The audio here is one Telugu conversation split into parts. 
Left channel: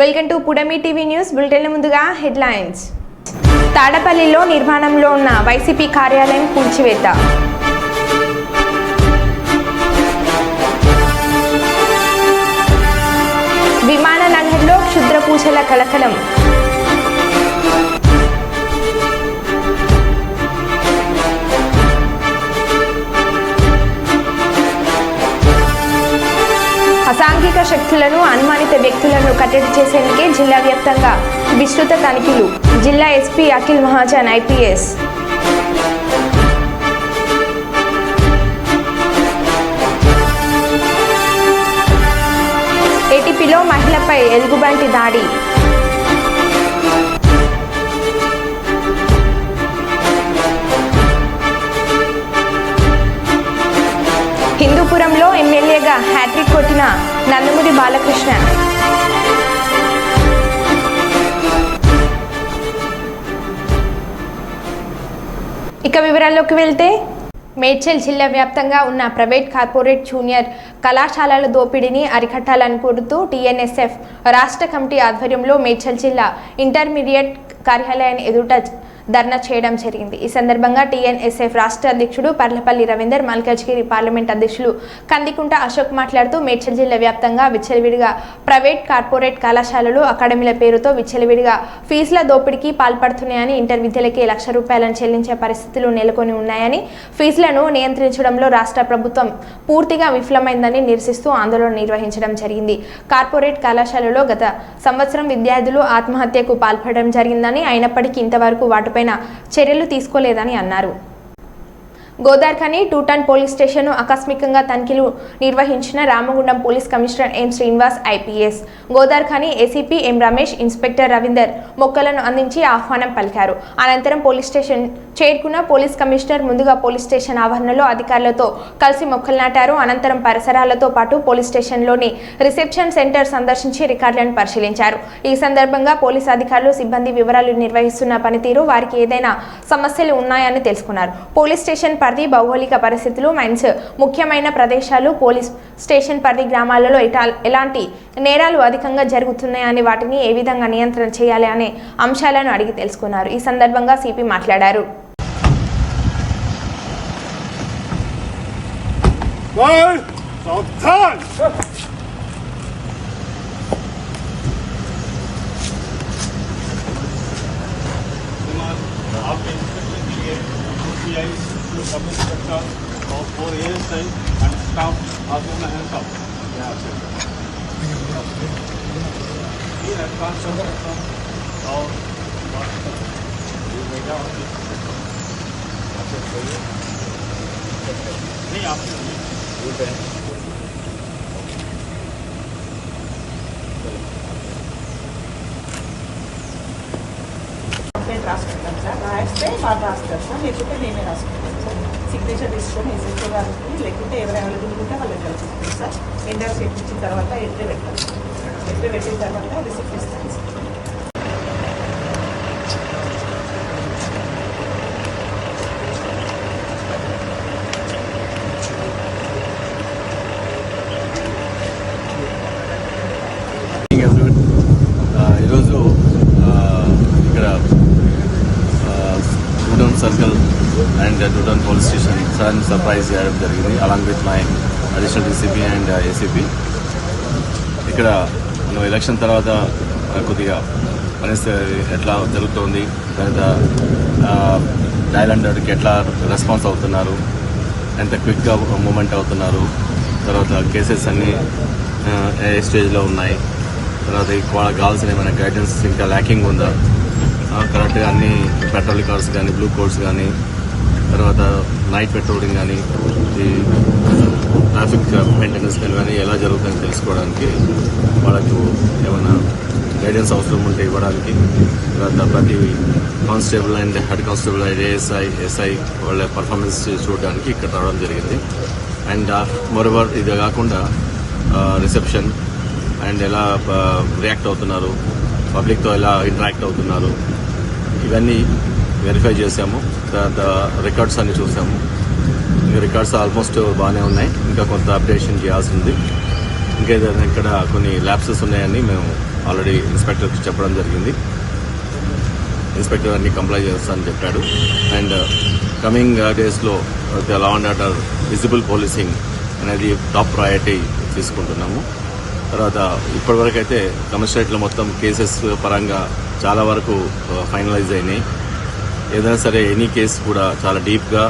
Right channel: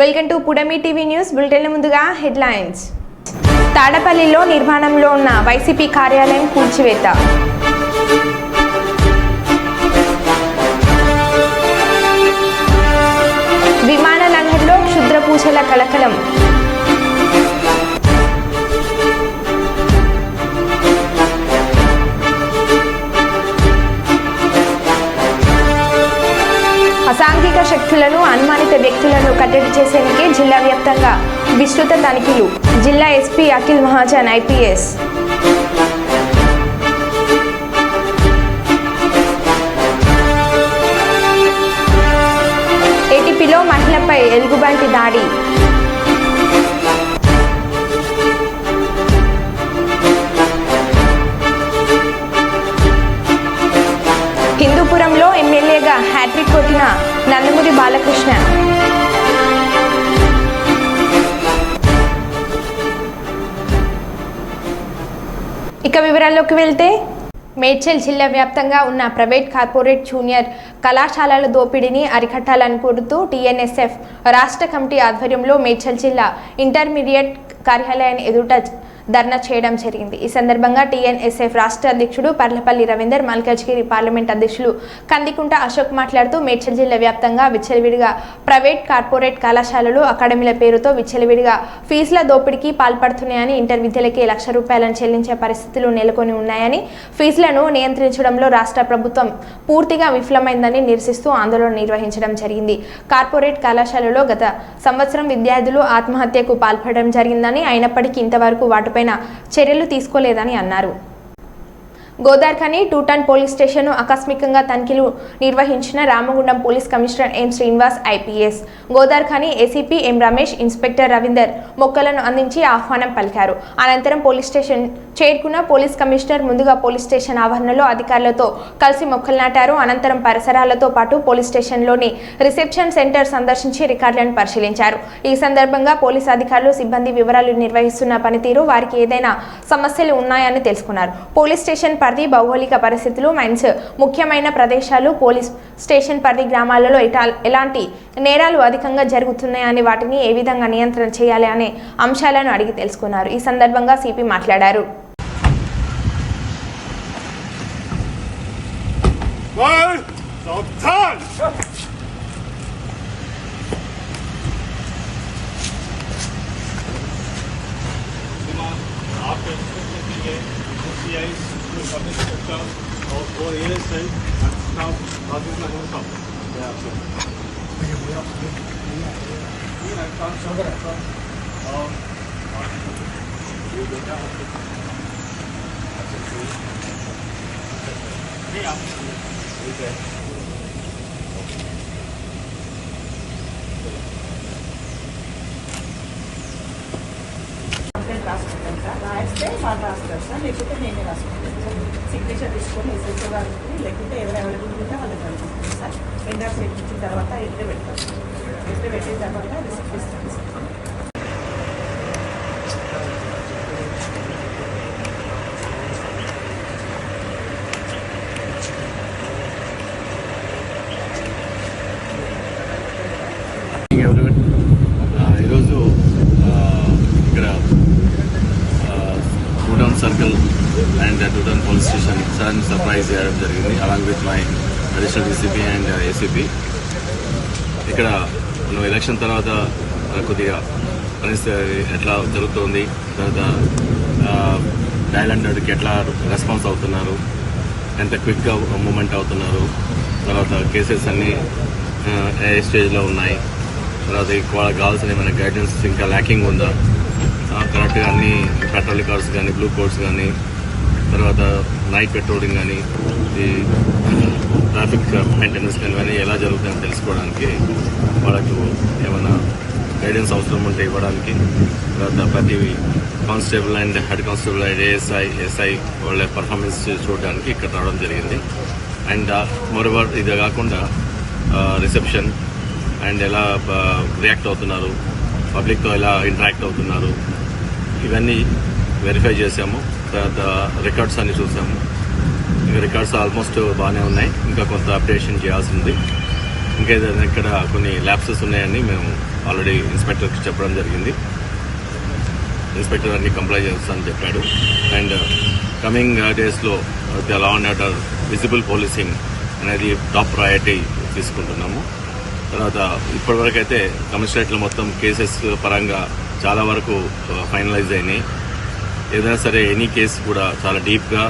వెల్కమ్ టు పుడమి టీవీ న్యూస్ బులెటిన్. ముందుగా హెడ్లైన్స్. తాడపల్లిలో నిర్మాణంలో ఉన్న వైసీపీ కార్యాలయం కూల్చివేత. విమాన నగర్లో క్షుద్ర పూజల కలకలం. అసాంఘిక శక్తులను అనుమానిత వ్యక్తులను కట్టడి చేసేందుకే జిల్లా వ్యాప్తంగా విస్తృత తనిఖీలు. జిల్లా ఎస్పీ అఖిల్ మహాజన్ ఐపీఎస్. ఏటీపీలో మహిళపై ఎలుగుబంటి దాడి. హిందూపురంలో ఎమ్మెల్యేగా హ్యాట్రిక్ కొట్టిన నందమూరి బాలకృష్ణ. ఇక వివరాల్లోకి వెళ్తే, మేడ్చల్ జిల్లా వ్యాప్తంగా ఉన్న ప్రైవేట్, కార్పొరేట్, జూనియర్ కళాశాలల దోపిడీని అరికట్టాలని కోరుతూ టీఎన్ఎస్ఎఫ్ రాష్ట్ర కమిటీ ఆధ్వర్యంలో మేడ్చల్ జిల్లా ఇంటర్మీడియట్ కార్యాలయాన్ని ఎదుట ధర్నా చేయడం జరిగింది. ఈ సందర్భంగా టీఎన్ఎస్ఎఫ్ రాష్ట్ర అధ్యక్షుడు పర్లపల్లి రవీందర్, మల్కాజ్గిరి పార్లమెంట్ అధ్యక్షులు కందికుంట అశోక్ మాట్లాడుతూ మేడ్చల్ జిల్లా వ్యాప్తంగా విచ్చలవిడిగా ప్రైవేట్, కార్పొరేట్ కళాశాలలు, అకాడమీల పేరుతో విచ్చలవిడిగా ఫీజుల దోపిడీకి పాల్పడుతున్నాయని, ఇంటర్ విద్యలకి ₹1,00,000 చెల్లించే పరిస్థితులు నెలకొని ఉన్నాయని, ఫీజులను నియంత్రించడంలో రాష్ట్ర ప్రభుత్వం పూర్తిగా విఫలమైందని నిరసిస్తూ ఆందోళన నిర్వహించడం జరిగింది. కార్పొరేట్ కళాశాలలో గత సంవత్సరం విద్యార్థులు ఆత్మహత్యకు పాల్పడడం జరిగిందని, అయినప్పటికీ ఇంతవరకు వాటిపైన చర్యలు తీసుకోలేదని అన్నారు. గోదార్ఖని 2 టౌన్ పోలీస్ స్టేషన్ ఆకస్మికంగా తనిఖీలు నిర్వహించిన Ramagundam police commissioner M Srinivas IPS, Godavarikhani ACP ఎం రమేష్, ఇన్స్పెక్టర్ రవీందర్ మొక్కలను అందించి ఆహ్వానం పలికారు. అనంతరం పోలీస్ స్టేషన్ చేరుకున్న పోలీస్ కమిషనర్ ముందుగా పోలీస్ స్టేషన్ ఆవరణలో అధికారులతో కలిసి మొక్కలు నాటారు. అనంతరం పరిసరాలతో పాటు పోలీస్ స్టేషన్లోని రిసెప్షన్ సెంటర్ సందర్శించి రికార్డులను పరిశీలించారు. ఈ సందర్భంగా పోలీస్ అధికారులు, సిబ్బంది వివరాలు నిర్వహిస్తున్న పనితీరు, వారికి ఏదైనా సమస్యలు ఉన్నాయని తెలుసుకున్నారు. పోలీస్ స్టేషన్ పరిధి, భౌగోళిక పరిస్థితులు, మైన్స్ ముఖ్యమైన ప్రదేశాలు, పోలీస్ స్టేషన్ పరిధి గ్రామాలలో ఎలాంటి నేరాలు అధికంగా జరుగుతున్నాయని, వాటిని ఏ విధంగా నియంత్రణ చేయాలి అనే అంశాలను అడిగి తెలుసుకున్నారు. ఈ సందర్భంగా సిపి మాట్లాడారు. public sector of 4 years time and staff not in the hands of the actions. He has constantly from now you data of the नहीं आप बोल रहे हैं రాసుకుంటాం సార్. రాస్తే వాళ్ళు రాస్తారు సార్, లేకపోతే మేమే రాసుకుంటాం సార్. సిగ్నేచర్ తీసుకొని ఎస్ఎస్ఓ గారికి, లేకుంటే ఎవరు అవైలబుల్ ఉంటే వాళ్ళకి కలుపుతుంది సార్. ఇండెక్స్ ఎక్కించిన తర్వాత ఎంట్రీ పెట్టాలి సార్. ఎంట్రీ పెట్టిన తర్వాత రిసిప్ట్ ఇస్తాను సార్. ఈరోజు ఇక్కడ 2 town circle and 2 town police station sudden surprise చేయడం జరిగింది, along with my additional DCP and ACP. ఇక్కడ మనం ఎలక్షన్ తర్వాత కొద్దిగా పరిస్థితి ఎట్లా జరుగుతోంది, తర్వాత డయల్ 100కి ఎట్లా రెస్పాన్స్ అవుతున్నారు, ఎంత క్విక్గా మూమెంట్ అవుతున్నారు, తర్వాత కేసెస్ అన్నీ ఏ స్టేజ్లో ఉన్నాయి, తర్వాత వాళ్ళకి కావాల్సిన ఏమైనా గైడెన్స్ ఇంకా ల్యాకింగ్ ఉందా, కరెక్ట్గా అన్ని పెట్రోలింగ్ కార్స్ కానీ, బ్లూ కోడ్స్ కానీ, తర్వాత నైట్ పెట్రోలింగ్ కానీ, ఈ ట్రాఫిక్ మెయింటెనెన్స్ కానీ ఎలా జరుగుతుందని తెలుసుకోవడానికి, వాళ్ళకు ఏమైనా గైడెన్స్ అవసరం ఉంటే ఇవ్వడానికి, తర్వాత ప్రతి constable and head constable and ASI, SI వాళ్ళ పర్ఫార్మెన్స్ చూడడానికి ఇక్కడ రావడం జరిగింది. అండ్ మోరోవర్ ఇది కాకుండా రిసెప్షన్ అండ్ ఎలా రియాక్ట్ అవుతున్నారు, పబ్లిక్తో ఎలా ఇంటరాక్ట్ అవుతున్నారు, ఇవన్నీ వెరిఫై చేసాము. తర్వాత రికార్డ్స్ అన్ని చూసాము. రికార్డ్స్ ఆల్మోస్ట్ బాగానే ఉన్నాయి, ఇంకా కొంత అప్డేషన్ చేయాల్సింది. ఇంకేదైనా ఇక్కడ కొన్ని ల్యాప్సెస్ ఉన్నాయని మేము ఆల్రెడీ ఇన్స్పెక్టర్కి చెప్పడం జరిగింది. ఇన్స్పెక్టర్ అన్ని కంప్లై చేస్తానని చెప్పాడు. అండ్ కమింగ్ డేస్లో law and order visible policing అనేది టాప్ ప్రయారిటీ తీసుకుంటున్నాము. తర్వాత ఇప్పటివరకు అయితే కమిషనరేట్లో మొత్తం కేసెస్ పరంగా చాలా వరకు ఫైనలైజ్ అయినాయి. ఏదైనా సరే ఎనీ కేసు కూడా చాలా డీప్గా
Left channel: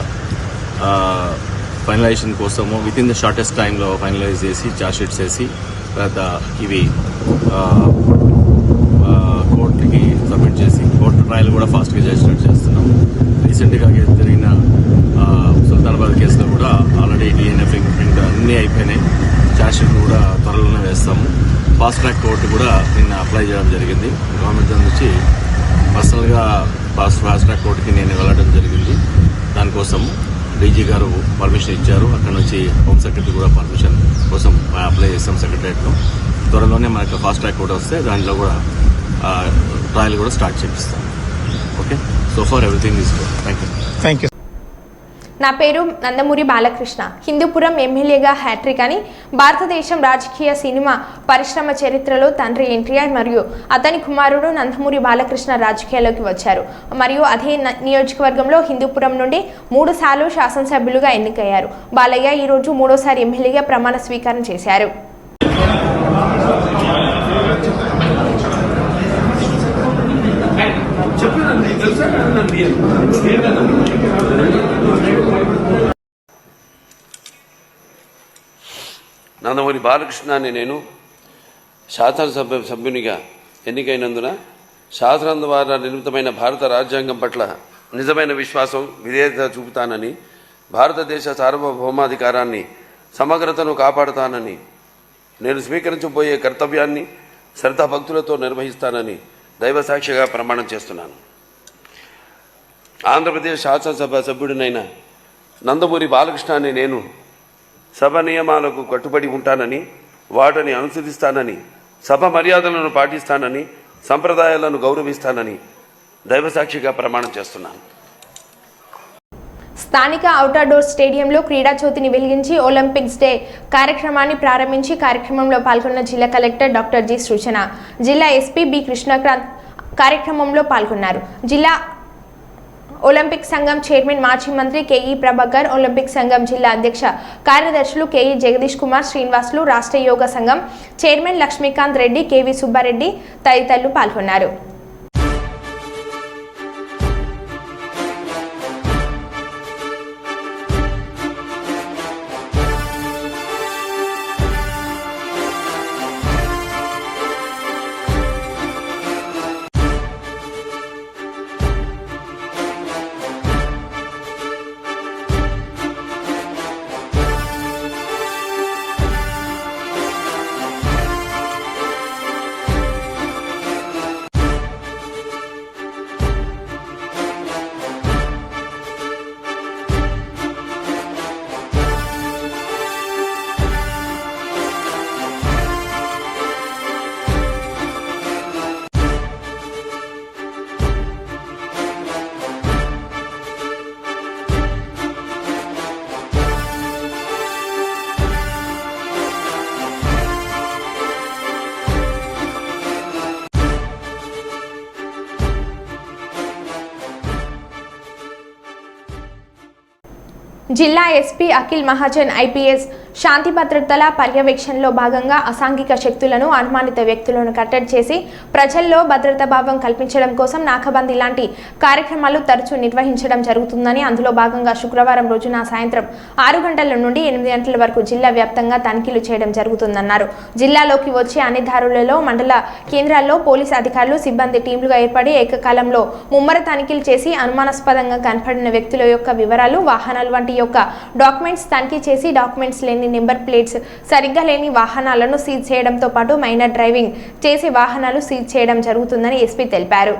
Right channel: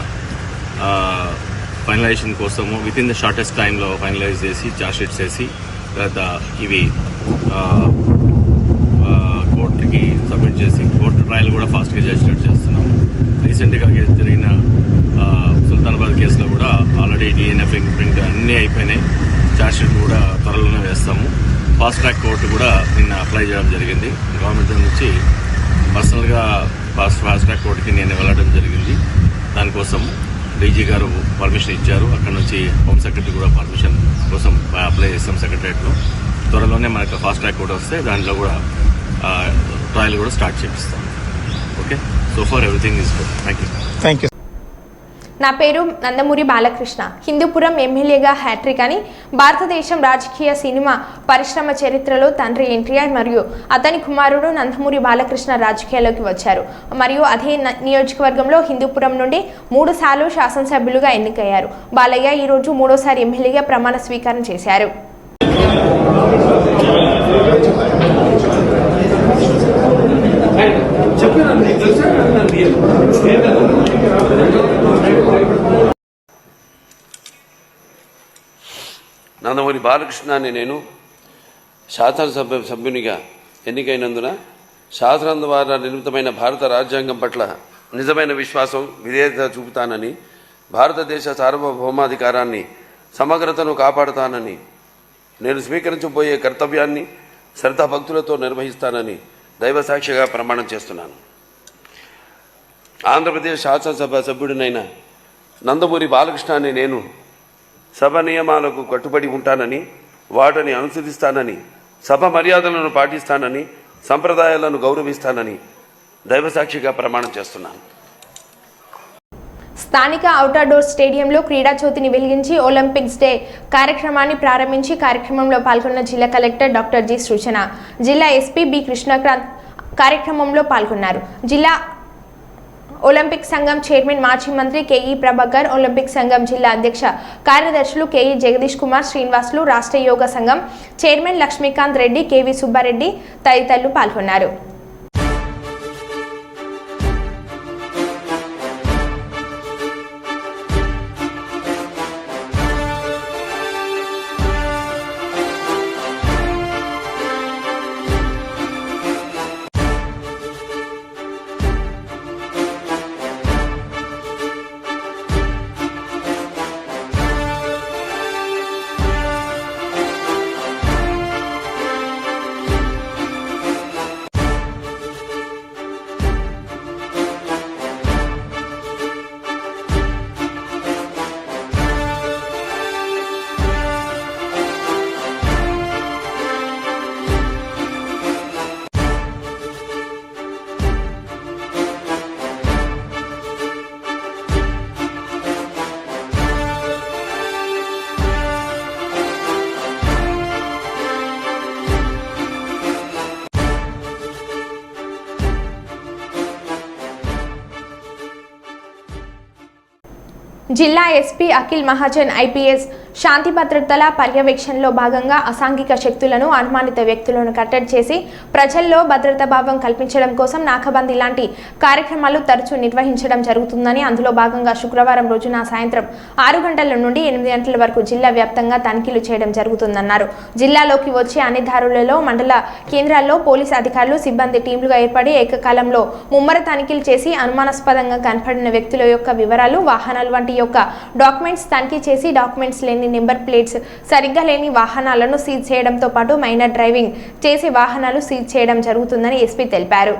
ఫైనలైజేషన్ కోసము విత్ ఇన్ ద షార్టెస్ట్ టైంలో ఫైనలైజ్ చేసి ఛార్జ్ షీట్స్ వేసి తర్వాత ఇవి కోర్టుకి సబ్మిట్ చేసి కోర్టు ట్రయల్ కూడా ఫాస్ట్గా చేసినట్టు చేస్తున్నాము. రీసెంట్గా జరిగిన సుల్తానాబాద్ కేసులో కూడా ఆల్రెడీ DNA ఫింగర్ ప్రింట్ అన్నీ అయిపోయినాయి. ఛార్జ్ షీట్ కూడా త్వరలోనే వేస్తాము. ఫాస్ట్ ట్రాక్ కోర్టు కూడా నిన్న అప్లై చేయడం జరిగింది. గవర్నమెంట్ నుంచి పర్సనల్గా ఫాస్ట్ ట్రాక్ కోర్టుకి నేను వెళ్ళడం జరిగింది. దానికోసము డీజీ గారు పర్మిషన్ ఇచ్చారు. అక్కడ నుంచి హోమ్ సెక్రటరీ కూడా పర్మిషన్ కోసం అప్లై చేస్తాం సెక్రటరియట్లో. త్వరలోనే మనకు ఫాస్ట్ ట్రాక్ కూడా వస్తే దాంట్లో కూడా ట్రయల్ కూడా స్టార్ట్ చేపిస్తాం. Okay, so for everything is good. Thank you. నా పేరు నందమూరి బాలకృష్ణ. హిందూపురం ఎమ్మెల్యేగా హ్యాట్రిక్ అని భారతదేశం రాజకీయ సినిమా పరిశ్రమ చరిత్రలో తండ్రి ఎన్టీఆర్ మరియు అతని కుమారుడు నందమూరి బాలకృష్ణ రాజకీయాల్లోకి వచ్చారు. మరియు అదే నియోజకవర్గంలో హిందూపురం నుండి 3 సార్లు శాసనసభ్యులుగా ఎన్నికయ్యారు. బాలయ్య ఈరోజు 3వ ఎమ్మెల్యేగా ప్రమాణ స్వీకారం చేశారు. నందమూరి బాలకృష్ణ అని నేను శాసనసభ్యునిగా ఎన్నికైనందున శాసనం ద్వారా నిర్మితమైన భారత రాజ్యాంగం పట్ల నిజమైన విశ్వాసం విధేయత చూపుతానని, భారతదేశ సార్వభౌమాధికారాన్ని సమగ్రతను కాపాడుతానని, నేను స్వీకరించబోయే కర్తవ్యాన్ని శ్రద్ధాభక్తులతో నిర్వహిస్తానని దైవసాక్షిగా ప్రమాణం చేస్తున్నాను. ఆంధ్రప్రదేశ్ శాసనసభ సభ్యుడినైన నందమూరి బాలకృష్ణ అని నేను సభ నియమాలకు కట్టుబడి ఉంటానని, వాటిని అనుసరిస్తానని, సభ మర్యాదలను పాటిస్తానని, సంప్రదాయాలను గౌరవిస్తానని దైవసాక్షిగా ప్రమాణం చేస్తున్నాను. స్థానిక ఔట్డోర్ స్టేడియంలో క్రీడా జ్యోతిని వెలిగించి ఒలింపిక్స్ డే కార్యక్రమాన్ని ప్రారంభించి కార్యక్రమంలో పాల్గొన్న జిల్లా కలెక్టర్ డాక్టర్ జి సృజన, జిల్లా ఎస్పీ బి కృష్ణకాంత్ కార్యక్రమంలో పాల్గొన్నారు. జిల్లా ఒలింపిక్ సంఘం చైర్మన్ మాజీ మంత్రి కేఈ ప్రభాకర్, ఒలింపిక్ సంఘం జిల్లా అధ్యక్ష కార్యదర్శులు కేఈ జగదీష్ కుమార్ శ్రీనివాసులు, రాష్ట్ర యోగ సంఘం చైర్మన్ లక్ష్మీకాంత్ రెడ్డి, కేవి సుబ్బారెడ్డి తదితరులు పాల్గొన్నారు. జిల్లా ఎస్పీ అఖిల్ మహాజన్ ఐపీఎస్ శాంతి భద్రతల పర్యవేక్షణలో భాగంగా అసాంఘిక శక్తులను, అనుమానిత వ్యక్తులను కట్టడి చేసి ప్రజల్లో భద్రతా భావం కల్పించడం కోసం నాకాబందీ లాంటి కార్యక్రమాలు తరచూ నిర్వహించడం జరుగుతుందని, అందులో భాగంగా శుక్రవారం రోజున సాయంత్రం 6 గంటల నుండి 8 గంటల వరకు జిల్లా వ్యాప్తంగా తనిఖీలు చేయడం జరుగుతుందన్నారు. జిల్లాలోకి వచ్చే అన్ని దారులలో మండల కేంద్రాల్లో పోలీసు అధికారులు, సిబ్బంది టీంలుగా ఏర్పడి ఏకకాలంలో ముమ్మర తనిఖీలు చేసి అనుమానాస్పదంగా కనపడిన వ్యక్తుల యొక్క వివరాలు, వాహనాలు వంటి యొక్క డాక్యుమెంట్స్ తనిఖీ చేసి డాక్యుమెంట్స్ లేని నెంబర్ ప్లేట్స్ సరిగ్గా లేని వాహనాలను సీజ్ చేయడంతో పాటు మైనర్ డ్రైవింగ్ చేసి వాహనాలు సీజ్ చేయడం జరుగుతుందని ఎస్పీ తెలిపారు.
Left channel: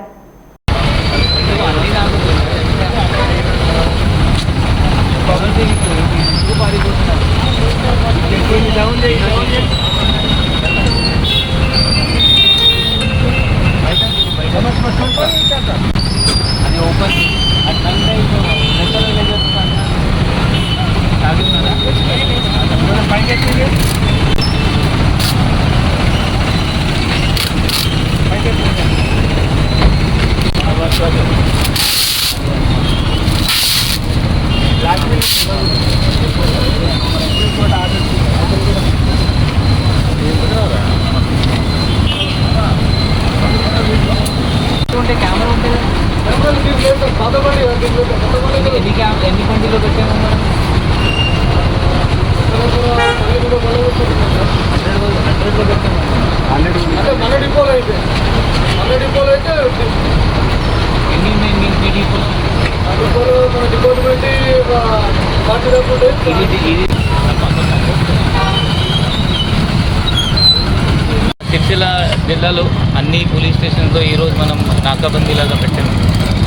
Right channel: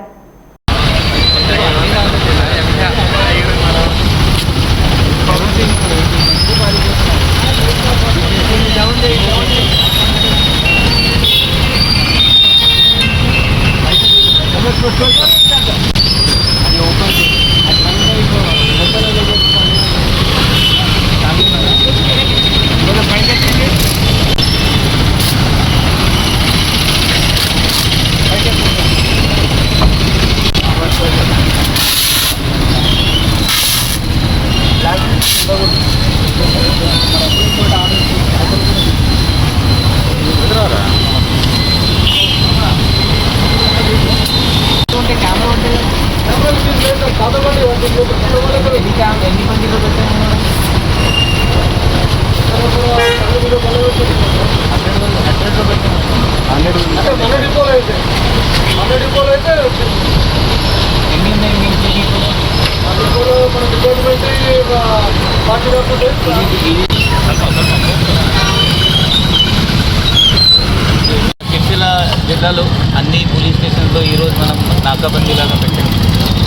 సిరిసిల్ల జిల్లాలో అన్ని పోలీస్ స్టేషన్తో ఈరోజు మనం నాకాబందీలాగా పెట్టాం.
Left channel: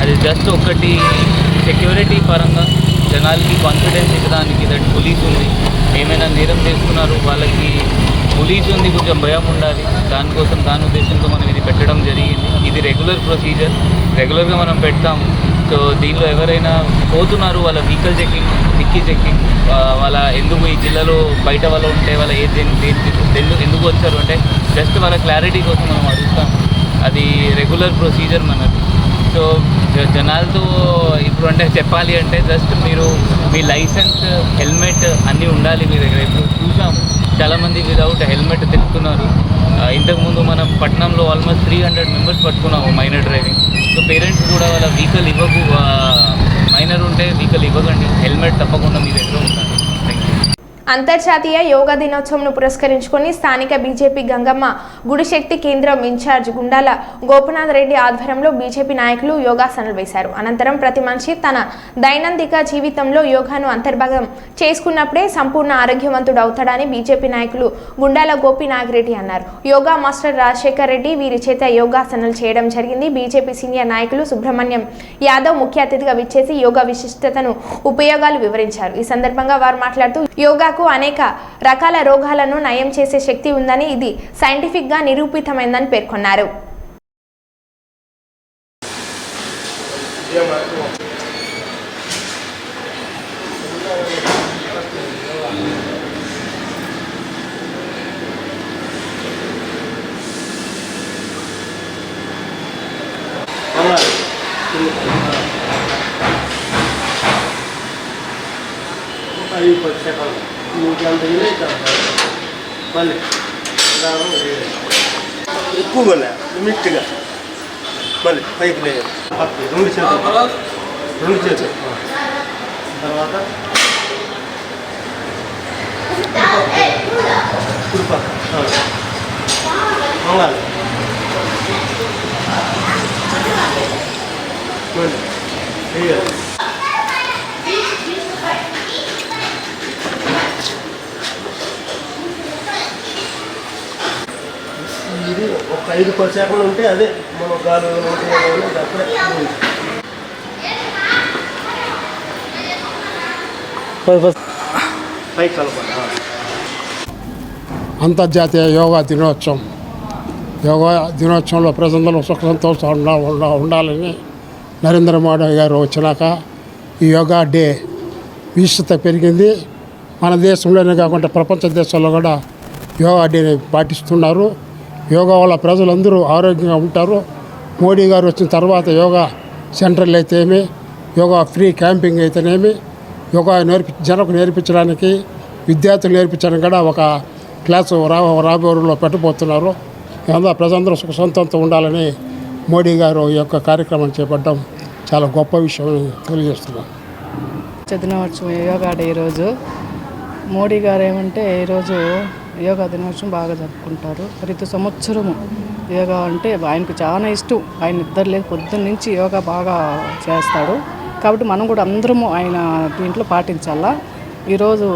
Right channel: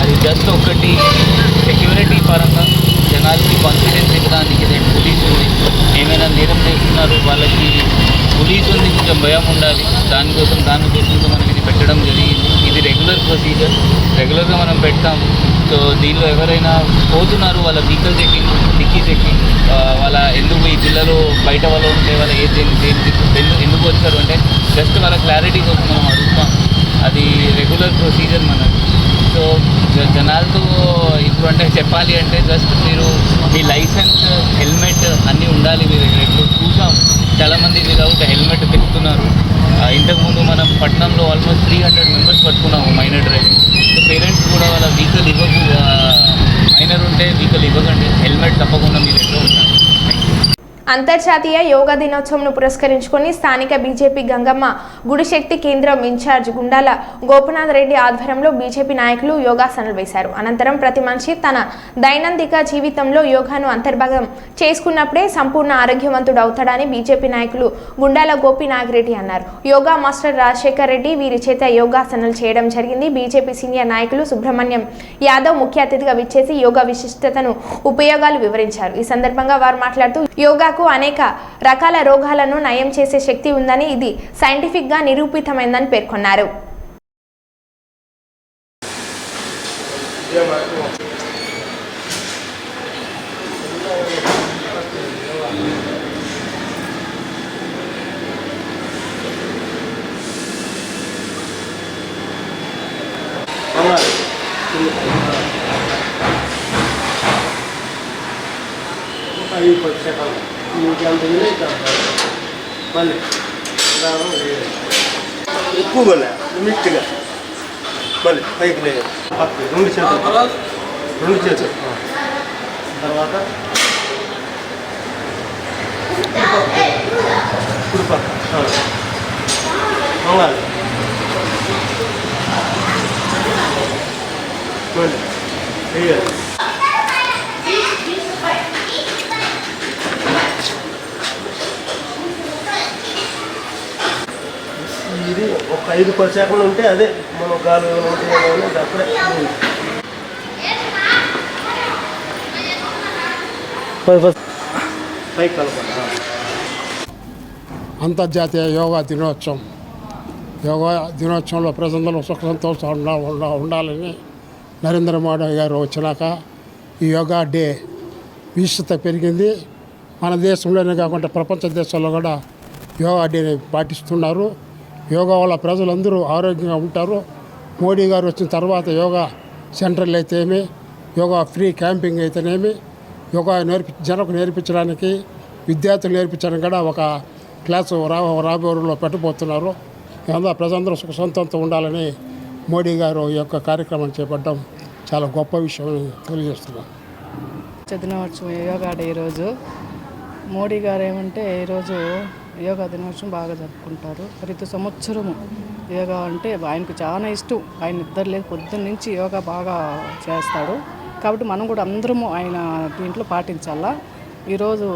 అది జస్ట్ ఒకటి సెక్యూరిటీ పరంగా జనాలకి కాన్ఫిడెన్స్ ఇవ్వడానికి పోలీసు ఉంది. ఏమైనా నేరం చేస్తున్నారు వాళ్ళకి పోలీసు ఉంది, కొంచెం భయం ఉండాలి. దానికోసం దాని ఉద్దేశంతో మనం ఇది పెట్టడం జరిగింది. ఇది రెగ్యులర్ ప్రొసీజర్, రెగ్యులర్గా మనం పెడతాం. సో దీనిలో ఎవరైనా పోతున్నారు వాళ్ళ వెహికల్ చెకింగ్, డిక్కీ చెకింగ్, వాళ్ళ ఎందుకు ఈ జిల్లాలో బయట వాళ్ళు ఉంటే వాళ్ళ ఎందుకు వచ్చారు అంటే జస్ట్ వాళ్ళ క్లారిటీ కోసం మనం అడుగుతాం. అది రెగ్యులర్ ప్రొసీజర్ మనకు. సో జనాలతో ఇప్పుడు అంటే చెప్పాలి అంటే జస్ట్ మీరు మీ లైసెన్స్, హెల్మెట్ అన్నీ ఉండాలి మీ దగ్గర. ఇప్పుడు చూసాం చాలామంది వితౌట్ హెల్మెట్ తిప్పుతున్నారు. ఇంతకుముందు మనం పట్టణంలో ఆల్మోస్ట్ 300 మెంబర్స్ పట్టుకున్నాము మైనర్ డ్రైవింగ్. సో పేరెంట్స్ కూడా వాళ్ళ వెహికల్ ఇవ్వకు, మైనర్ ఉంటే వెహికల్ ఇవ్వకండి, హెల్మెట్ తప్పకుండా మీ దగ్గర ఉండాలి. అంతర్జాతీయ యోగా దినోత్సవంను పురస్కరించుకొని స్థానిక బీజేపీ గంగమ్మ గుడి శక్తి కేంద్రం ఇన్ఛార్జ్ గుండాల గోపనాథ్ రెడ్డి ఆధ్వర్యంలో బీజేపీ నాయకులు యోగాసనాలు వేశారు. అనంతరం ప్రతి మనిషి తన దైనందిక జీవితంలో యోగాను అంతర్భాగం చేసుకున్నప్పుడే సంపూర్ణ ఆరోగ్యవంతుడు అవుతాడని బీజేపీ నాయకులు గుండాల గోపీనాథ్ అన్నారు. యోగా మాస్టర్ రాజశేఖర్ రెడ్డి వీరి చేత యోగాసనాలు చేయడం జరిగింది. బీజేపీ సీనియర్ నాయకులు సుబ్రహ్మణ్యం యాదవ్ ముఖ్య అతిథిగా విచ్చేసి యోగా విశిష్టతను, ఉపయోగాలు వివరించారు. ఈ సందర్భంగా వారు మాట్లాడుతూ యోగాకు అనేక రకాల రోగాలను నయం చేసే శక్తి ఉందని, ఇది సైంటిఫిక్ గా నిరూపితమైందని పేర్కొన్నారు. ఎక్కువగా లిమిట్గా మళ్ళీ పైకి లేదు. రెండు చేతులు తర్వాత కుడిపక్క మంగాలి మళ్ళీ వేయాలి. ఇది ఒక 5-10 సెకండ్లు ఉంటే అదే మనం గాలి అప్పుడే పైకి కలపాలి. అంతర్జాతీయ యోగా దినోత్సవంలో ప్రజలందరూ సుఖ సంతోషంగా ఉండాలని నరేంద్ర మోడీ గారు వచ్చినాక ఈ యోగా డే విశిష్టత పెరిగింది. మన దేశంలోనే కాకుండా ప్రపంచ దేశాల్లో కూడా యోగా డేని పాటిస్తున్నారు. యోగా వల్ల ప్రజలందరూ ఆరోగ్యంగా ఉంటారు. మోడీ గారు వచ్చిన తర్వాత యోగా సెంటర్లు అయితేమి, యోగా ఫ్రీ క్యాంపింగ్ అయితేనేమి, యోగా జనకు నేర్పించడానికి, విద్యార్థులు నేర్పించడానికి కూడా ఒక క్లాసు రాబోరులో పెట్టబోతున్నారు. ఇదంతా ప్రజలందరూ సుఖ సంతోషంతో ఉండాలని మోడీ గారు ఈ యొక్క కార్యక్రమం చేపట్టడం చాలా గొప్ప విషయం తెలియజేస్తున్నాను. దినోత్సవం యోగా డే ఈరోజు మోడీ గారు ఏమంటే ఈరోజు యోగా దినోత్సవం బాగా జరుపుకుంటారు. ప్రతి సంవత్సరము యోగా అంటే ఆయనకు చాలా ఇష్టం. ఆయన నిద్ర లేదు, పొద్దున్న నుంచి యోగా బాగా చేస్తాడు. కాబట్టి మనం కూడా అందరము ఆయన దీంట్లో పాటించాలా. ఈరోజు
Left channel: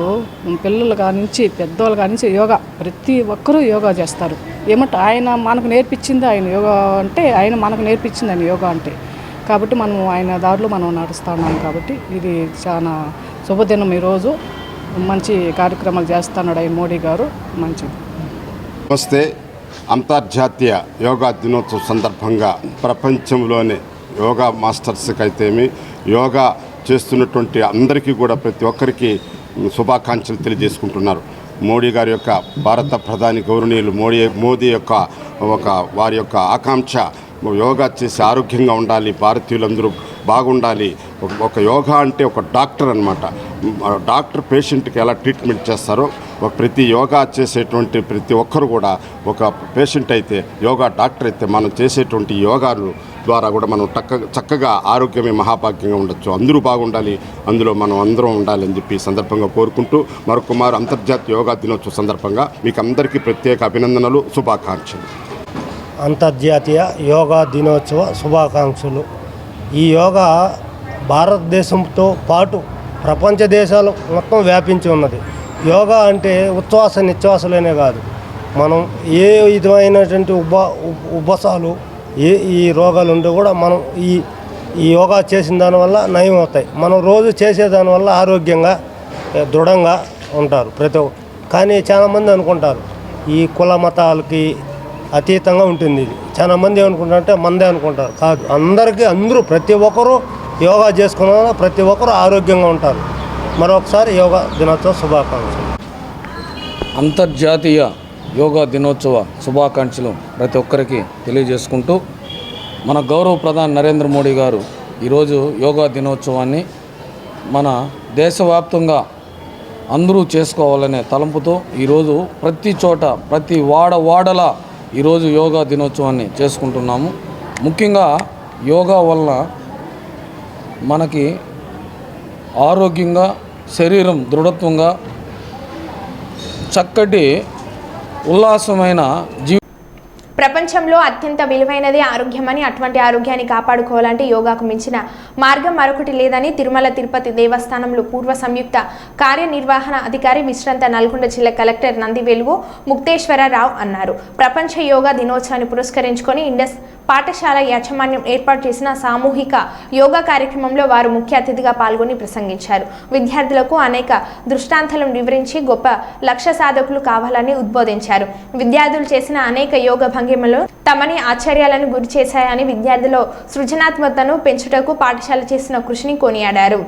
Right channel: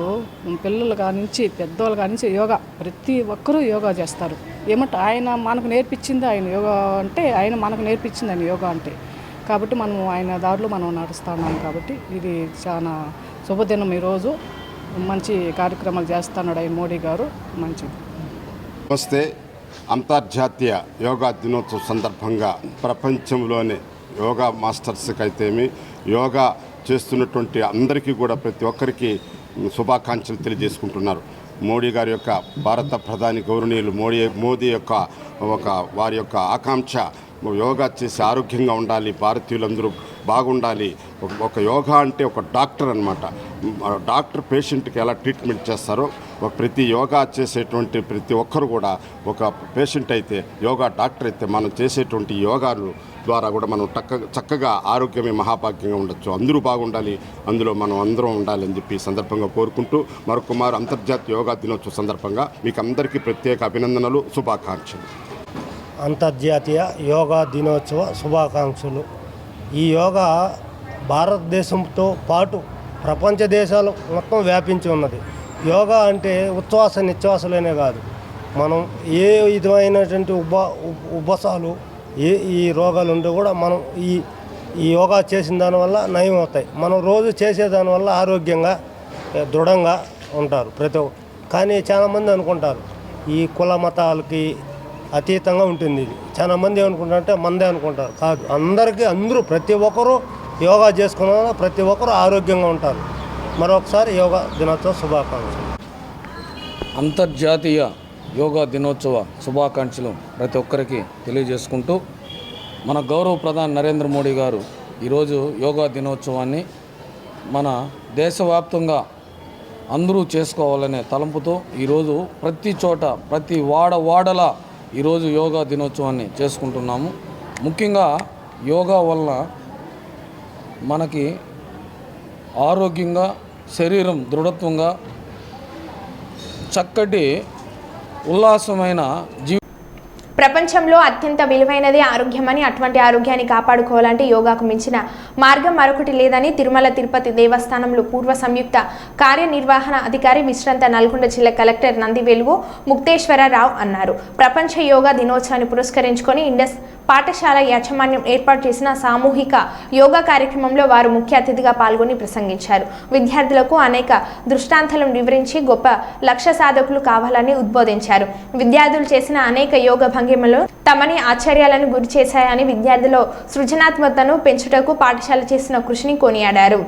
పిల్లలు కానించి పెద్దవాళ్ళు కానించి యోగా ప్రతి ఒక్కరూ యోగా చేస్తారు. ఏమంటే ఆయన మనకు నేర్పించింది, ఆయన యోగా అంటే ఆయన మనకు నేర్పించింది ఆయన యోగా అంటే. కాబట్టి మనం ఆయన దారిలో మనం నడుస్తున్నాం. కాబట్టి ఇది చాలా శుభదినం. ఈరోజు మంచి కార్యక్రమాలు చేస్తున్నాడు ఆయన మోడీ గారు, మంచిది. వస్తే అంతర్జాతీయ యోగా దినోత్సవం సందర్భంగా ప్రపంచంలోనే యోగా మాస్టర్స్కి అయితేమి, యోగా చేస్తున్నటువంటి అందరికీ కూడా ప్రతి ఒక్కరికి శుభాకాంక్షలు తెలియజేసుకుంటున్నారు. మోడీ గారి యొక్క భారత ప్రధాని గౌరవనీయులు మోదీ యొక్క వారి యొక్క ఆకాంక్ష యోగా చేసి ఆరోగ్యంగా ఉండాలి, భారతీయులందరూ బాగుండాలి. ఒక యోగా అంటే ఒక డాక్టర్ అన్నమాట. డాక్టర్ పేషెంట్కి ఎలా ట్రీట్మెంట్ చేస్తారో ప్రతి యోగా చేసేటువంటి ప్రతి ఒక్కరు కూడా ఒక పేషెంట్ అయితే యోగా డాక్టర్ అయితే మనం చేసేటువంటి యోగాలు ద్వారా కూడా మనం చక్కగా ఆరోగ్యమే మహాభాగ్యంగా ఉండొచ్చు. అందరూ బాగుండాలి, అందులో మనం అందరం ఉండాలి అని చెప్పి సందర్భంగా కోరుకుంటూ మరొకమారు అంతర్జాతీయ యోగా దినోత్సవం సందర్భంగా మీకు అందరికీ ప్రత్యేక అభినందనలు, శుభాకాంక్షలు. అంతర్జాతీయ యోగా దినోత్సవ శుభాకాంక్షలు. ఈ యోగా భారతదేశంతో పాటు ప్రపంచ దేశాలు మొత్తం వ్యాపించి ఉన్నది. యోగా అంటే ఉచ్ఛ్వాస నిశ్వాసలేనే కాదు, మనం ఏ విధమైనటువంటి ఉబ్బసాలు ఈ రోగాలు ఉంటే కూడా మనం ఈ యోగా చేసిన దానివల్ల నయం అవుతాయి. మనం రోజు చేసేదానివల్ల ఆరోగ్యంగా దృఢంగా ఉంటారు ప్రతి ఒక్క. కానీ చాలామంది అనుకుంటారు ఈ కుల మతాలకి అతీతంగా ఉంటుంది ఇది. చాలామంది ఏమనుకుంటారంటే మందే అనుకుంటారు. కాదు, అందరూ ప్రతి ఒక్కరూ యోగా చేసుకున్న వల్ల ప్రతి ఒక్కరూ ఆరోగ్యంగా ఉంటారు. మరొకసారి యోగా దినోత్సవ శుభాకాంక్షలు. అంతర్జాతీయ యోగా దినోత్సవ శుభాకాంక్షలు ప్రతి ఒక్కరికి తెలియజేసుకుంటూ, మన గౌరవ ప్రధాని నరేంద్ర మోడీ గారు ఈరోజు యోగా దినోత్సవాన్ని మన దేశవ్యాప్తంగా అందరూ చేసుకోవాలనే తలంపుతో ఈరోజు ప్రతి చోట ప్రతి వాడల ఈరోజు యోగా దినోత్సవాన్ని చేసుకుంటున్నాము. ముఖ్యంగా యోగా వలన మనకి ఆరోగ్యంగా, శరీరం దృఢత్వంగా, చక్కటి ఉల్లాసమైన ప్రపంచంలో అత్యంత విలువైనది ఆరోగ్యమని, అటువంటి ఆరోగ్యాన్ని కాపాడుకోవాలంటే యోగాకు మించిన మార్గం మరొకటి లేదని తిరుమల తిరుపతి దేవస్థానంలో పూర్వ సంయుక్త కార్యనిర్వహణ అధికారి విశ్రాంత నల్గొండ జిల్లా కలెక్టర్ నందివెలుగు ముక్తేశ్వరరావు అన్నారు. ప్రపంచ యోగా దినోత్సవాన్ని పురస్కరించుకొని ఇండస్ పాఠశాల యాజమాన్యం ఏర్పాటు చేసిన సామూహిక యోగా కార్యక్రమంలో వారు ముఖ్య అతిథిగా పాల్గొని ప్రసంగించారు. విద్యార్థులకు అనేక దృష్టాంతాలను వివరించి గొప్ప లక్ష్య సాధకులు కావాలని ఉద్బోధించారు. విద్యార్థులు చేసిన అనేక యోగ భంగిమలు తమని ఆశ్చర్యాలను గురి చేశాయని, విద్యార్థుల సృజనాత్మకతను పెంచుటకు పాఠశాల చేసిన కృషిని కొనియాడారు.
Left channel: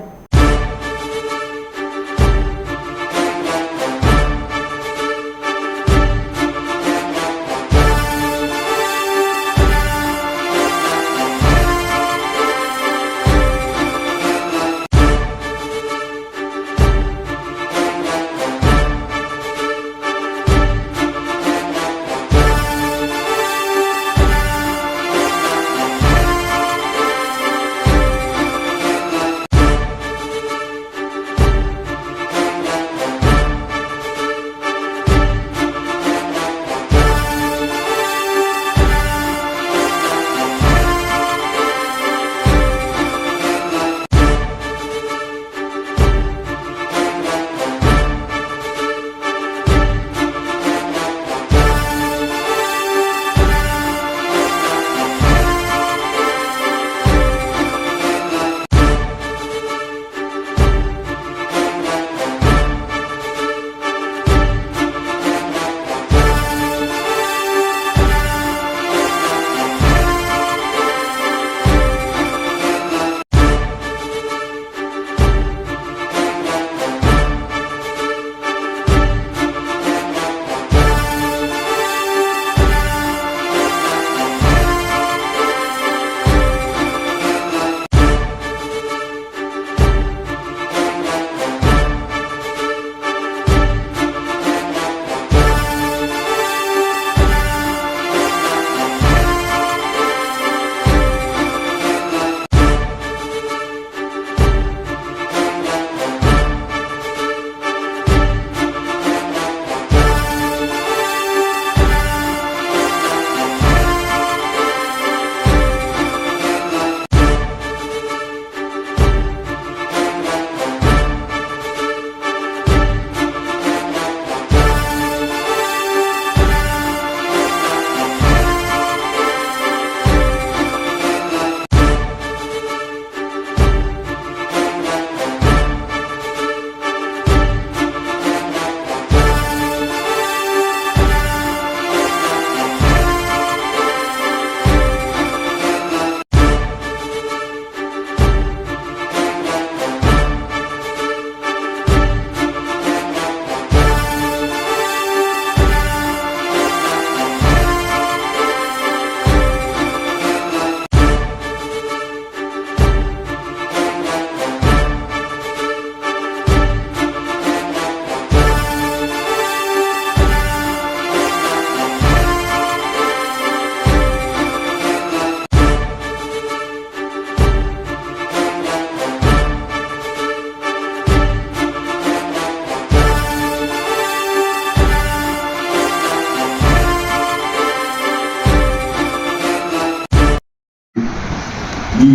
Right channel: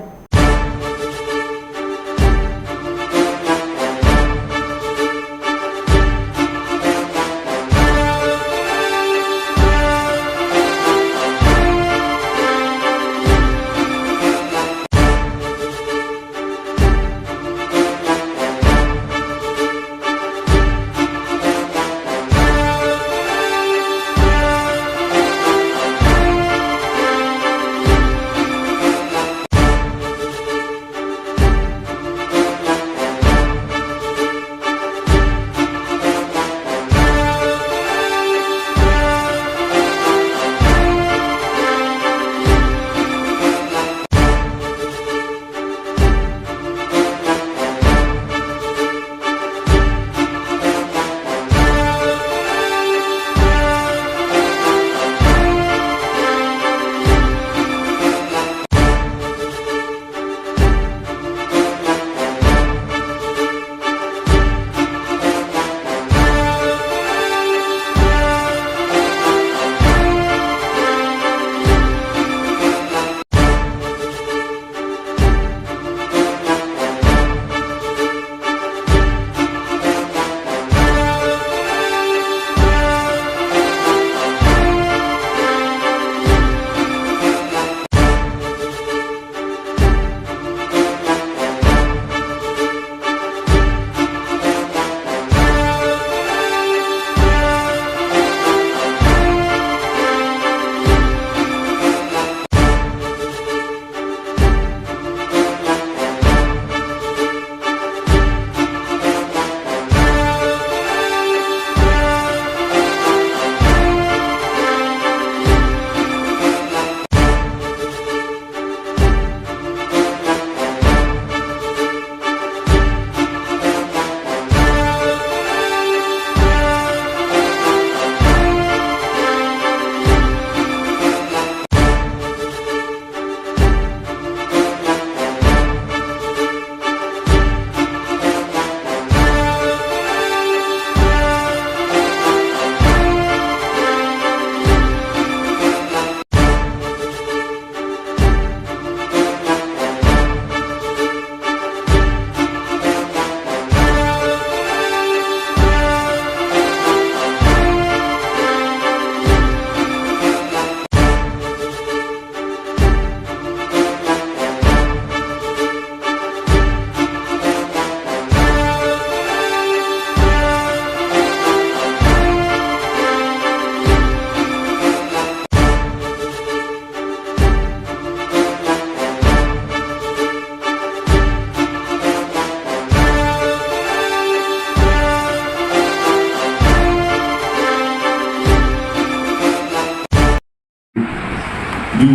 ఈ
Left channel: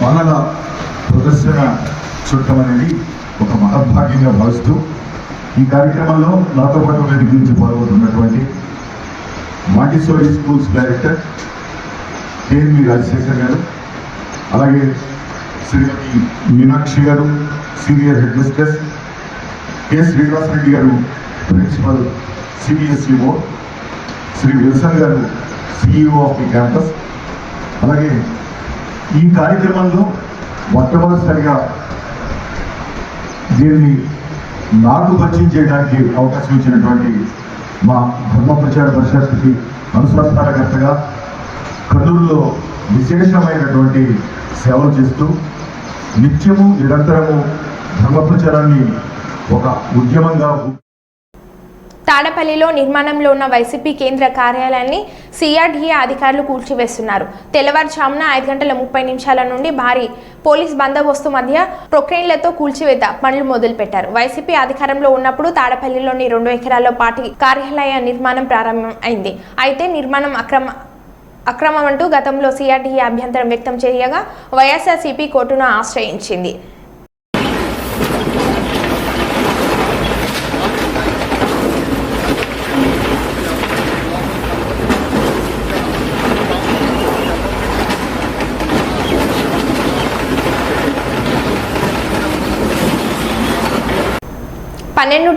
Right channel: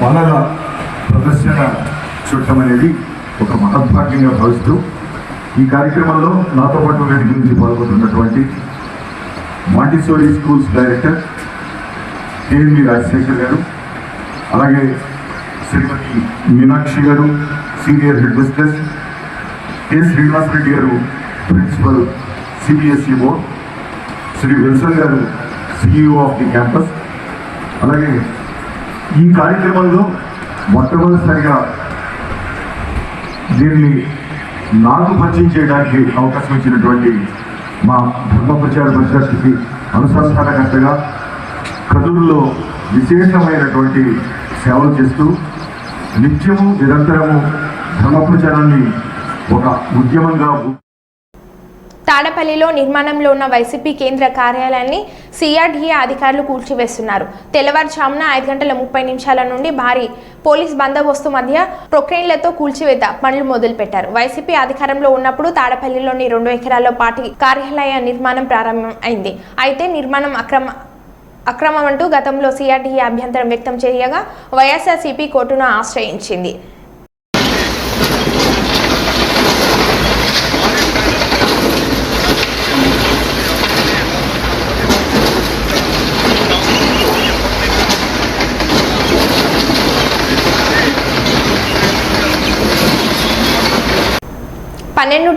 వనల ప్రదర్శన చుట్టూ నిర్వహించడం అనేది ఒక మహద్భాగ్యంగా భావిస్తూ ఈ కార్యక్రమంలో నాతో పాటు వేదిక నుంచి పాల్గొంటున్నటువంటి Montessori schools director KMV Rajasekhar గారు, అలాగే శ్రీమతి మీనాక్షి గారు senior head mistress, K Srinivasa Reddy గారు principal CBSE board, Sri Wilson గారు సిఇఓ ఆఫ్ ది క్యాంపస్. అలాగే ఈ కార్యక్రమంలో మొట్టమొదటిసారిగా దీన్ని నాకు పరిచయం చేయడానికి అవకాశం ఇచ్చినటువంటి మా ధర్మ ప్రచార పరిషత్కి అనుసంధానకర్తగా కర్నూలులో విశేషమైనటువంటి సేవలు చేస్తూ నిత్యము నిరంతరము ధర్మ ప్రచారాన్ని ఒక ఉద్యమంగా తాడపల్లిలో నిర్మాణంలో ఉన్న వైసీపీ కేంద్ర కార్యాలయాన్ని సిఆర్డీఏ అధికారులు కూల్చివేస్తున్నారు. తెల్లవారుజామున 5:30 నుండి భారీ పోలీస్ బందోబస్తు మధ్య ప్రొక్రెయిన్లతో కూల్చివేత పనులు మొదలుపెట్టారు. వైసీపీ అధికారంలో ఉన్నప్పుడు తాడపల్లిలోని 2 ఎకరాల్లో పార్టీ కార్యాలయ నిర్మాణం ప్రారంభం అయింది. అయితే నిర్మాణం అక్రమం అంటూ గతంలో సిఆర్డీఏ అభ్యంతరం వ్యక్తం చేయగా వైఎస్ఆర్సీపీ కోర్టును ఆశ్రయించింది.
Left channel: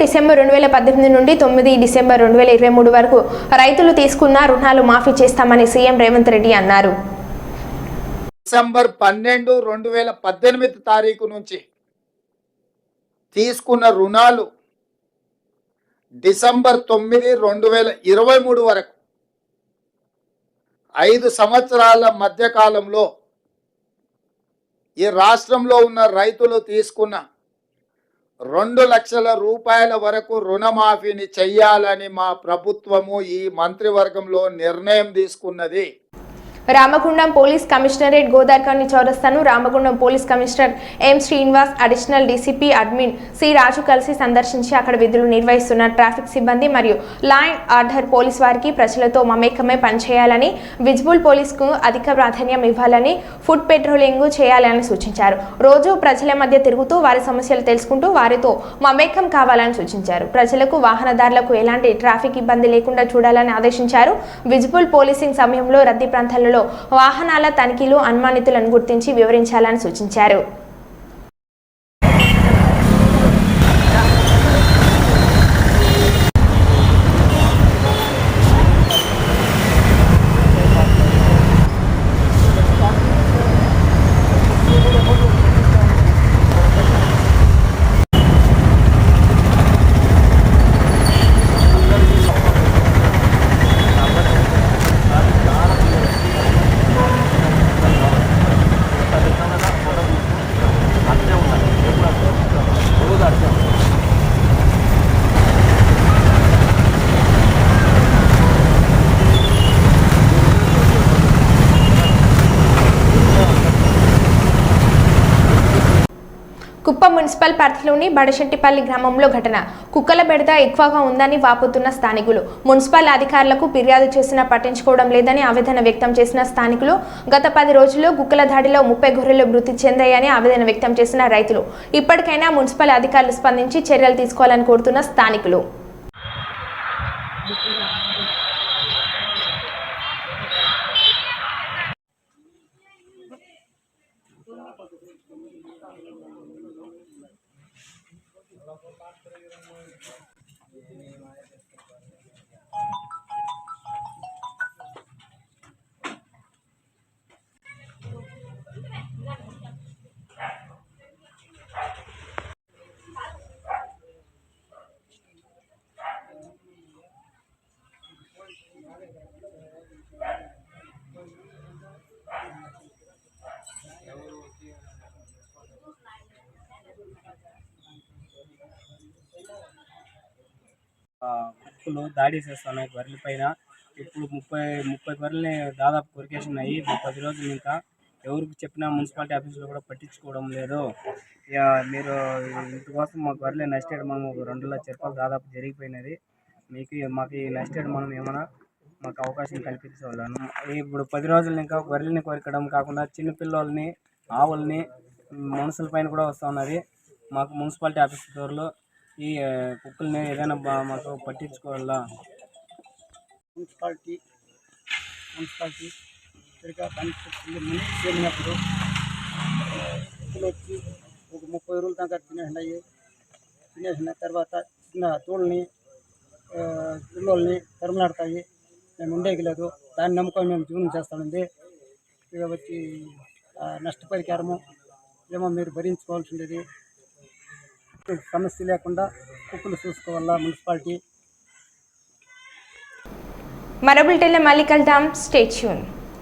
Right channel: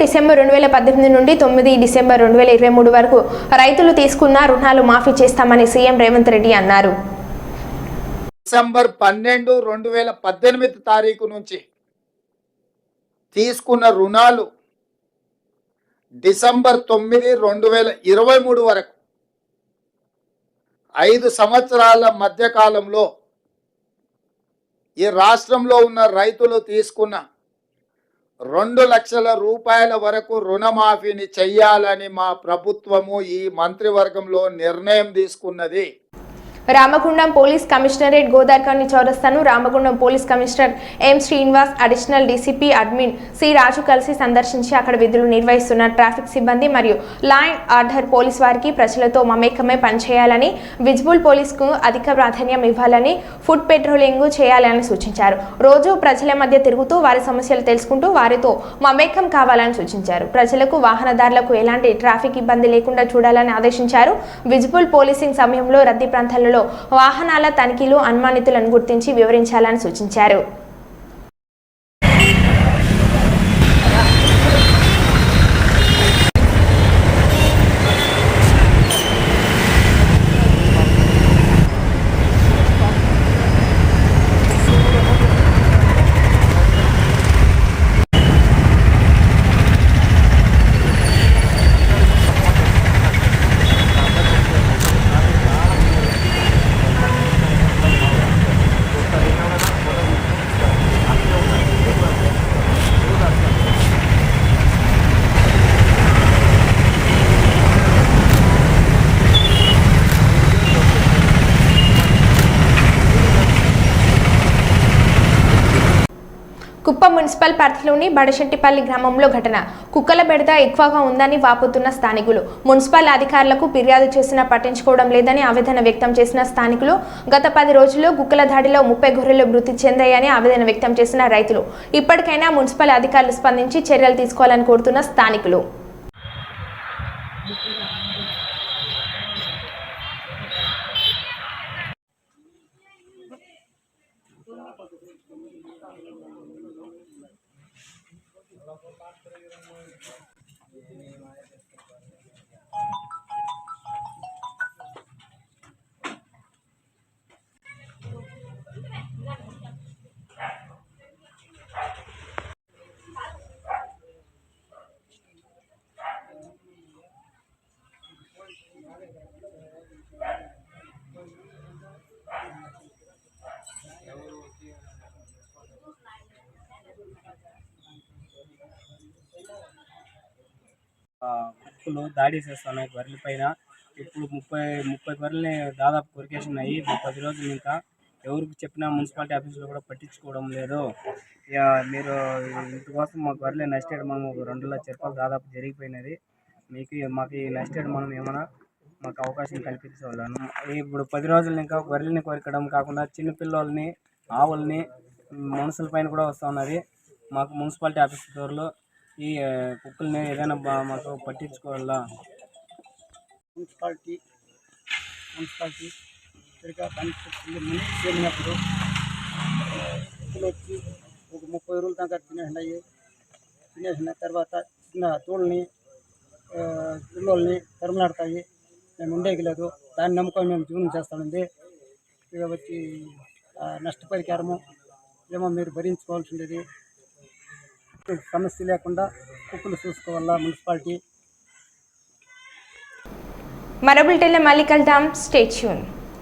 డిసెంబర్ 2018 నుండి 9 డిసెంబర్ 2023 వరకు రైతులు తీసుకున్న రుణాలు మాఫీ చేస్తామని సీఎం రేవంత్ రెడ్డి అన్నారు. డిసెంబర్ 12, 2018 తారీఖు నుంచి తీసుకున్న రుణాలు డిసెంబర్ 9, 2023 వరకు 5 సంవత్సరాల మధ్య కాలంలో ఈ రాష్ట్రంలో ఉన్న రైతులు తీసుకున్న 2 లక్షల రూపాయల వరకు రుణమాఫీని చెయ్యాలని మా ప్రభుత్వము ఈ మంత్రివర్గంలో నిర్ణయం తీసుకున్నది. రామగుండం పోలీస్ కమిషనరేట్ గోదార్కర్ని చౌరస్తాను Ramagundam police commissioner M Srinivas, additional DCP admin C Raju కలిసి సందర్శించి అక్కడ విధులు నిర్వహిస్తున్న ట్రాఫిక్ సిబ్బంది మరియు లా అండ్ ఆర్డర్ పోలీస్ వారికి ప్రజలతో మమేకమై పనిచేయాలని, విజిబుల్ పోలీసుకు అధిక ప్రాధాన్యం ఇవ్వాలని, ఫుడ్ పెట్రోలింగ్ చేయాలని సూచించారు. రోజు ప్రజల మధ్య తిరుగుతూ వారి సమస్యలు తెలుసుకుంటూ వారితో మమేకం కావాలని సూచించారు. ప్రజలకు, వాహనదారులకు ఎలాంటి ట్రాఫిక్ ఇబ్బంది లేకుండా చూడాలని ఆదేశించారు. విజిబుల్ పోలీసింగ్ సమయంలో రద్దీ ప్రాంతాలలో వాహనాల తనిఖీలు, అనుమానితులను గుర్తించి వివరించాలని సూచించారు. కుప్పం మున్సిపల్ పరిధిలోని బడశెట్టిపల్లి గ్రామంలో ఘటన. కుక్కల బెడద ఎక్కువగా ఉందని వాపోతున్న స్థానికులు. మున్సిపల్ అధికారులకు ఫిర్యాదు చేసినా పట్టించుకోవడం లేదని ఆవేదన వ్యక్తం చేసిన స్థానికులు. గత 10 రోజుల్లో కుక్కల దాడిలో 30 గొర్రెలు మృతి చెందాయని ఆవేదన వ్యక్తం చేసిన రైతులు. ఇప్పటికైనా మున్సిపల్ అధికారులు స్పందించి చర్యలు తీసుకోవాలని కోరుతున్న స్థానికులు. కుక్కలు దాడి చేస్తున్నాయి గొర్రెల పైన. ఇప్పుడు 30 గొర్రెల్ని దాదాపు కొరికేసినాయి. 10 రోజులు ఇంకా ఎవరికి చెప్పినా మున్సిపాలిటీ ఆఫీసులో కూడా పట్టించుకోవడం లేదు. ఇక మీరు ఇందుకోసం మా గొర్రెలు నష్టేడ్ మనం 2 లక్షల రూపాయలు దాదాపు జరిగిపోయినది. మాకు ఈ నష్టేడ్ మనం ఏమైనా మాకు అవకాశం కల్పించవాలను. ఇప్పుడు 10 రోజులు ఇంకా గొర్రెల్ని కొరకడం కాకుండా చిన్నపిల్లల్ని, ఆవుల్ని, మనుషుల పైన కూడా వస్తూ ఉన్నది. మాకు మున్సిపాలిటీ ఆఫీస్ దూరంలో ఈ కుక్కల్ని ఏదైనా మాకు పట్టించుకోవాలా. మున్సిపాలిటీ సరిగా పని చేసినప్పుడు కుక్కలు వచ్చి ఒక 30 రోజుల దాకా తినేసిన తర్వాత చిన్న తోళ్ళని పిల్లల్ని తరుములాడతాయి. మేము ఉండేకి లేదు. దాన్ని నమ్ముకొని మేము జీవనం చేస్తామండి. ఇక వచ్చి నష్టపరిహారము ఏమో మీరు భరించుకోవాల్సి ఉండేది. సమస్య లేకుండా కుక్కలు చూసుకోవాలా మున్సిపాలిటీ. మరో బులెటిన్లో మళ్ళీ కలుద్దాం. Stay tune.